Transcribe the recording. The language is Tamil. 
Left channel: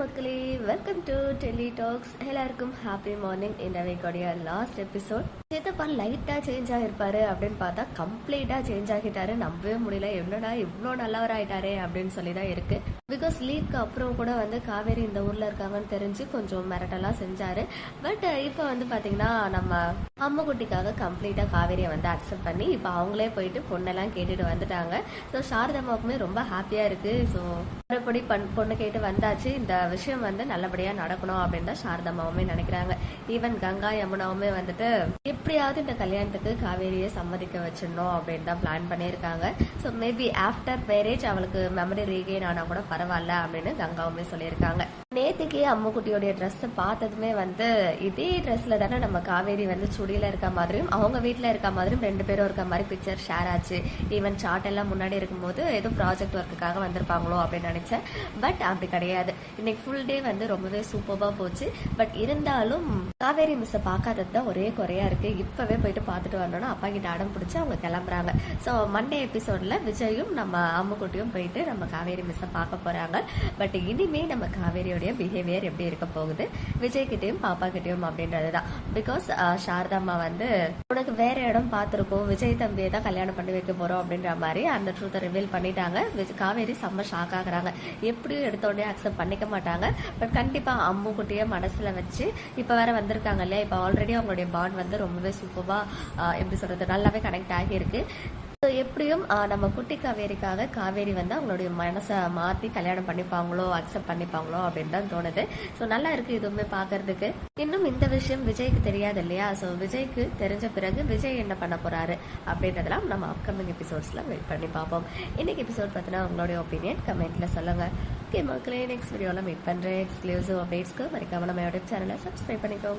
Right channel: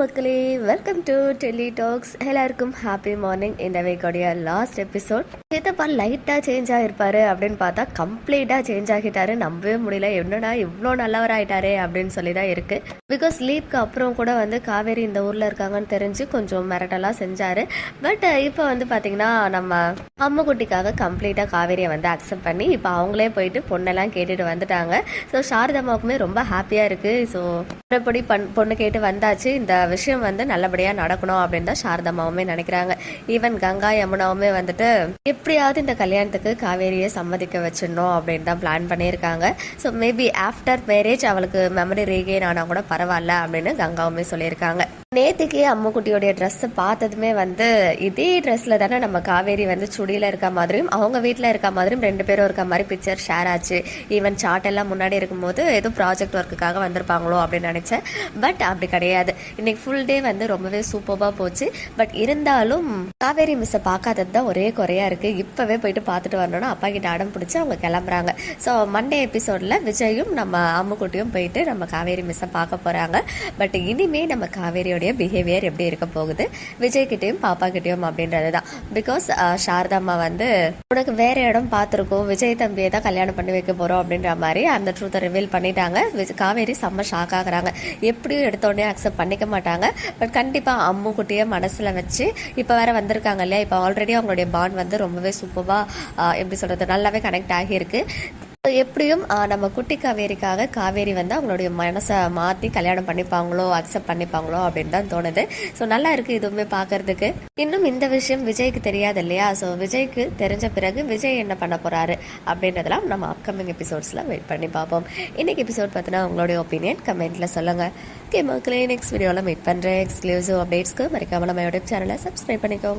மக்களே, வெல்கம் டு டெல்லி டாக்ஸ். எல்லாருக்கும் ஹாப்பி மார்னிங். இந்த வீக்கோடைய லாஸ்ட் எபிசோட். சித்தப்பா லைட்டாக சேஞ்ச் ஆகிருப்பாரு அப்படின்னு பார்த்தா கம்ப்ளீட்டாக சேஞ்ச் ஆகிட்டாரு. நம்பவே முடியல, என்னடா இவ்வளோ நல்லவர் ஆயிட்டாரே அப்படின்னு சொல்லி தான் இருக்கு. பிகாஸ் லீவ்க்கு அப்புறம் கூட காவேரி இந்த ஊரில் இருக்காங்கன்னு தெரிஞ்சு கொஞ்சம் மிரட்டெல்லாம் செஞ்சாரு. பட் இப்போ பார்த்தீங்கன்னா நம்ம அம்முக்குட்டிக்காக கம்ப்ளீட்டாக காவேரியை அக்செப்ட் பண்ணி இப்போ அவங்களே போயிட்டு பொண்ணெல்லாம் கேட்டுட்டு வந்துட்டாங்க. ஸோ சாரதாமாவுக்குமே ரொம்ப ஹாப்பியாக இருக்கு. ஸோ மறுபடி பொண்ணு கேட்டு வந்தாச்சு. இந்த விஷயம் நல்லபடியாக நடக்கணும் அப்படின்னு தான் சாரதாமாவுமே நினைக்கிறாங்க. ஈவன் கங்கா யமுனாவுமே எப்படியாவது இந்த கல்யாணத்துக்கு காவேரியை சம்மதிக்க வச்சிடணும் அப்படின்னு தான் பிளான் பண்ணியிருக்காங்க. ஸோ மேபி ஆஃப்டர் மேரேஜ் அவளுக்கு மெமரி ரீகெயின் ஆனால் கூட பரவாயில்ல அப்படின்னு கங்காவுமே சொல்லியிருக்காங்க. நேற்றுக்கு அம்முக்குட்டியோடைய ட்ரெஸ்ஸை பார்த்ததுமே இதே ட்ரெஸ்ஸில் தானே நம்ம காவேரி சுடியில் இருக்க மாதிரியும் அவங்க வீட்டில் இருக்க மாதிரியும் ரெண்டு பேரும் இருக்க மாதிரி பிக்சர் ஷேர் ஆச்சு. ஈவன் சார்ட் எல்லாம் முன்னாடி இருக்கும்போது ஏதோ ப்ராஜெக்ட் ஒர்க்குக்காக வந்திருப்பாங்களோ அப்படின்னு நினச்சேன். பட் அப்படி கிடையாது. இன்னைக்கு ஃபுல் டே ரொம்பவே சூப்பராக போச்சு. பட் இருந்தாலும் காவேரி மிஸ்ஸை பார்க்காதது தான் ஒரே குறையா இருக்கு. இப்பவே போயிட்டு பார்த்துட்டு வரணும்னா அப்பா கிட்ட அடம் பிடிச்சி அவங்க கிளம்புறாங்க. ஸோ மண்டே எபிசோட்ல விஜயும் நம்ம அம்முக்குட்டியும் போயிட்டு நம்ம காவேரி மிஸ்ஸை பார்க்க போறாங்க. பட் இனிமே நம்ம காவேரியோடைய பிஹேவியர் எப்படி இருக்க போகுது விஜய் கிட்டையும் பாப்பா கிட்டையும் அப்படின்றது தான். பிகாஸ் சாரதாம்மா உனக்கு வேற இடம் பார்த்துருக்கோம், விஜய் தம்பியை தான் கல்யாணம் பண்ணி வைக்க போறோம் அப்படின்ற மாதிரி அந்த ட்ரூத்தை ரிவீல் பண்ணிட்டாங்க. காவேரி செம்ம ஷாக் ஆகுறாங்க. எப்படியும் எடுத்தோடனே அக்செப்ட் பண்ணிக்க மாட்டாங்க. பட் கண்டிப்பாக அம்முக்குட்டியை மனசில் வச்சு இப்போ வேற வந்திருக்காங்க இல்லையா, இப்போ ஆல்ரெடி அவங்களுடைய பாண்ட் ரொம்பவே சூப்பராக எப்படி சொல்கிறது நல்லாவே கனெக்ட் ஆகியிருக்கு. ஸோ எப்படியும் நம்ம குட்டி காவேரிக்காக காவேரி அவங்களுடைய மனசை மாற்றி கல்யாணம் பண்ணிப்பாங்களோ அக்செப்ட் பண்ணிப்பாங்களோ அப்படின்னு தான் தோணுது. ஸோ நல்லா இருக்குது இதுவுமே பார்க்கறதுக்கு. இன்னும் இந்த விஷயம் விஜய்க்கு தெரியாது இல்லையா. ஸோ விஜய்க்கு தெரிஞ்ச பிறகு விஜய் என்ன பண்ண போகிறாரு அப்படின்றதெல்லாம் நம்ம அப்கமிங் எபிசோட்ஸில் வெயிட் பண்ணி பார்ப்போம். இன்னைக்கு எபிசோட் பார்த்தினா உங்களுடைய ஒப்பீனியன் கமெண்ட்டில் சொல்லுங்கள். ஓகே மக்களே, நெக்ஸ்ட் வீடியோவில் மீட் பண்ணுறேன். எக்ஸ்க்ளூசிவ் அப்டேட்ஸ்க்கு மறக்காம நம்ம யூடியூப் சேனலை சப்ஸ்கிரைப் பண்ணிக்கோங்க.